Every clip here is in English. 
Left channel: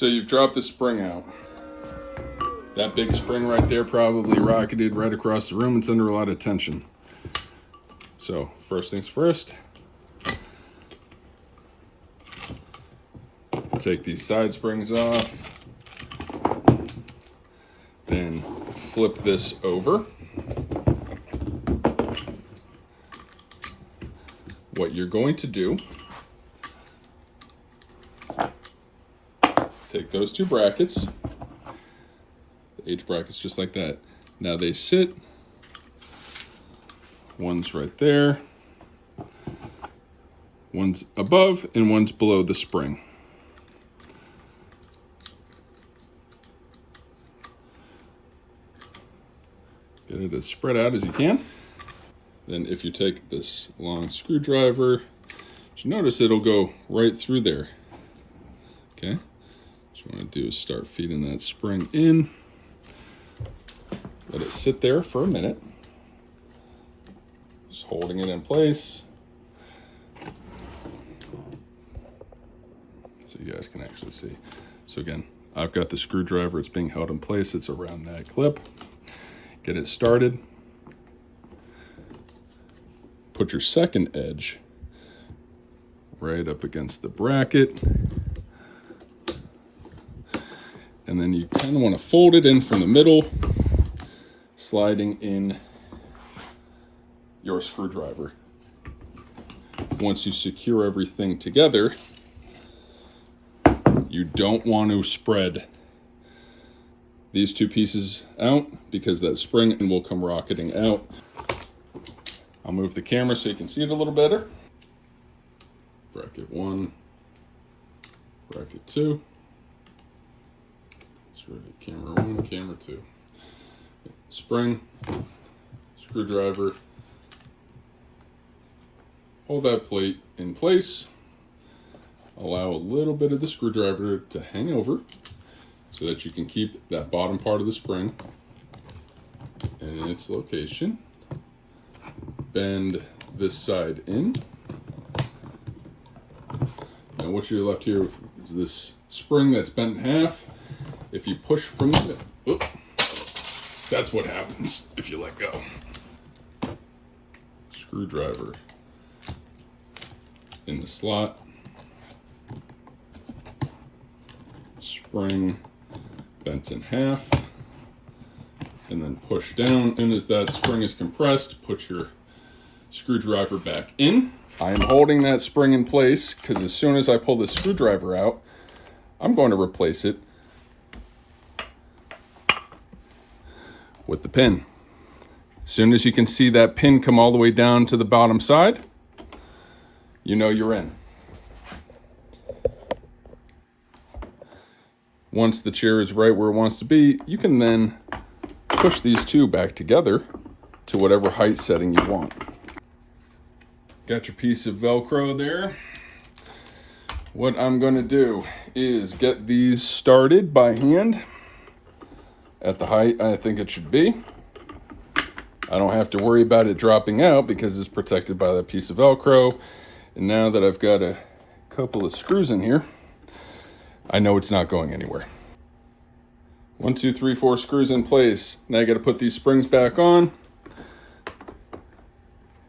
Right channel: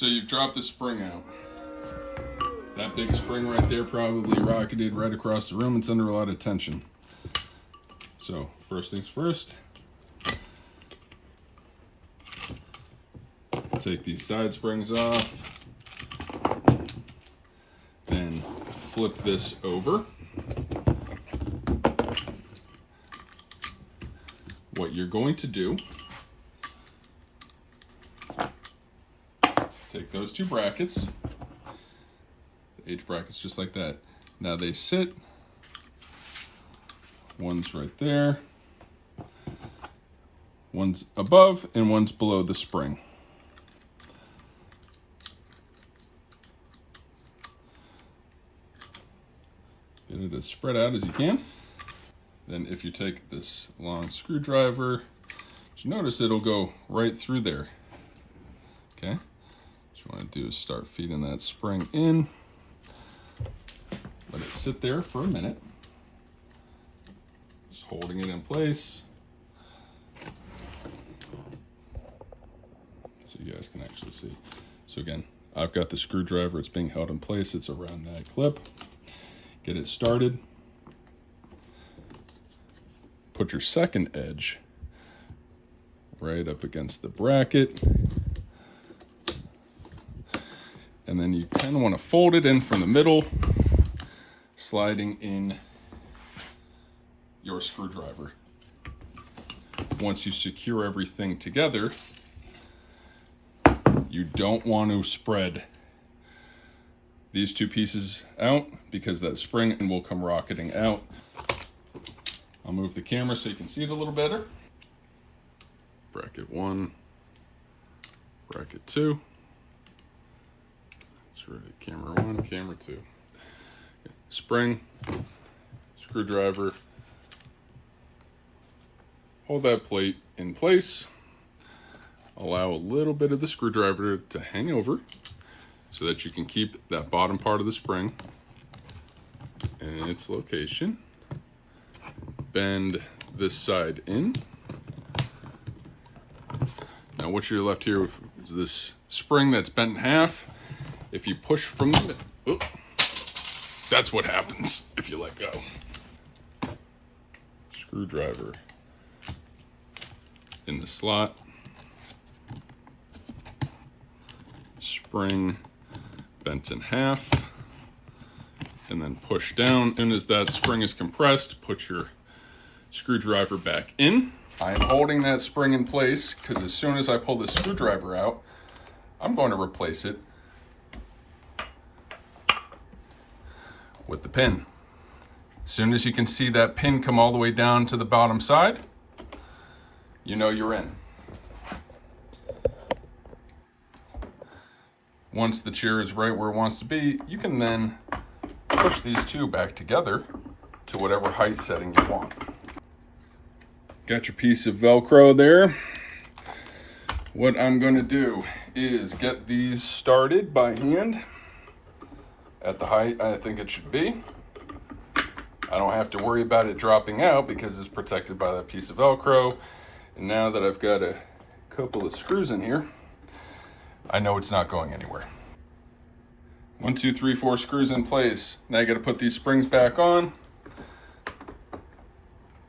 So you've dropped the spring out. That big spring right there probably rocketed right across the room. It's under a lot of tension. So first things first, take these side springs off, then flip this over. What you're going to do, take those two brackets, the H brackets just like that. Now they sit, one's right there, one's above and one's below the spring. Get it as spread out as you can. Then if you take this long screwdriver, you notice it'll go right through there. Okay, what you want to do is start feeding that spring in. Let it sit there for a minute. Just holding it in place. So you guys can actually see. So again, I've got the screwdriver, it's being held in place, it's around that clip. Get it started. Put your second edge right up against the bracket. And then you kind of want to fold it in from the middle, sliding in your screwdriver. Once you secure everything together, you don't want to spread these two pieces out because that spring will come rocketing out. I'll move the camera so you can see it a little better. Bracket 1, bracket 2. That's right, camera 1, camera 2. Spring, screwdriver. Hold that plate in place. Allow a little bit of the screwdriver to hang over so that you can keep that bottom part of the spring in its location. Bend this side in. Now what you're left here is this spring that's bent in half. If you push from the middle, that's what happens if you let go. Screwdriver in the slot. Spring bent in half. And then push down. As soon as that spring is compressed, put your screwdriver back in. I'm holding that spring in place because as soon as I pull the screwdriver out, I'm going to replace it with the pin. As soon as you can see that pin come all the way down to the bottom side, you know you're in. Once the chair is right where it wants to be, you can then push these two back together to whatever height setting you want. Got your piece of Velcro there. What I'm going to do is get these started by hand at the height I think it should be. I don't have to worry about it dropping out because it's protected by that piece of Velcro. And now that I've got a couple of screws in here, I know it's not going anywhere. 1, 2, 3, 4 screws in place. Now I got to put these springs back on.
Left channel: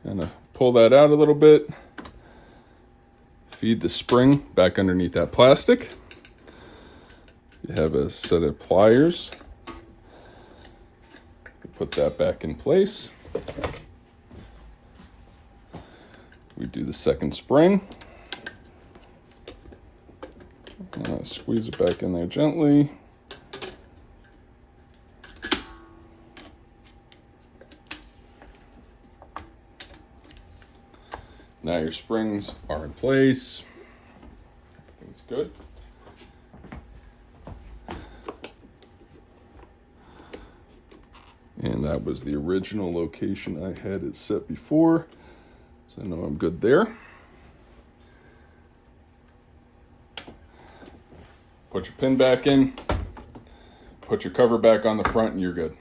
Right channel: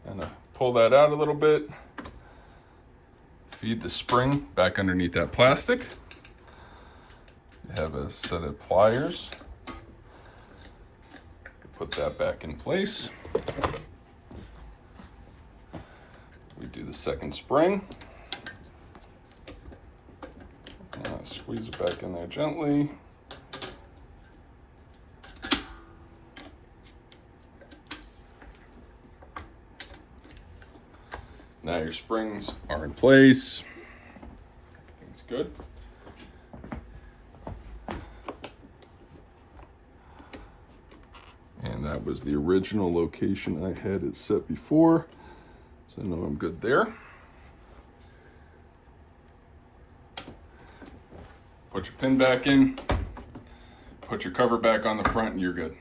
And pull that out a little bit. Feed the spring back underneath that plastic. You have a set of pliers. Put that back in place. We do the second spring. Squeeze it back in there gently. Now your springs are in place. That's good. And that was the original location I had it set before. So I know I'm good there. Put your pin back in, put your cover back on the front, and you're good.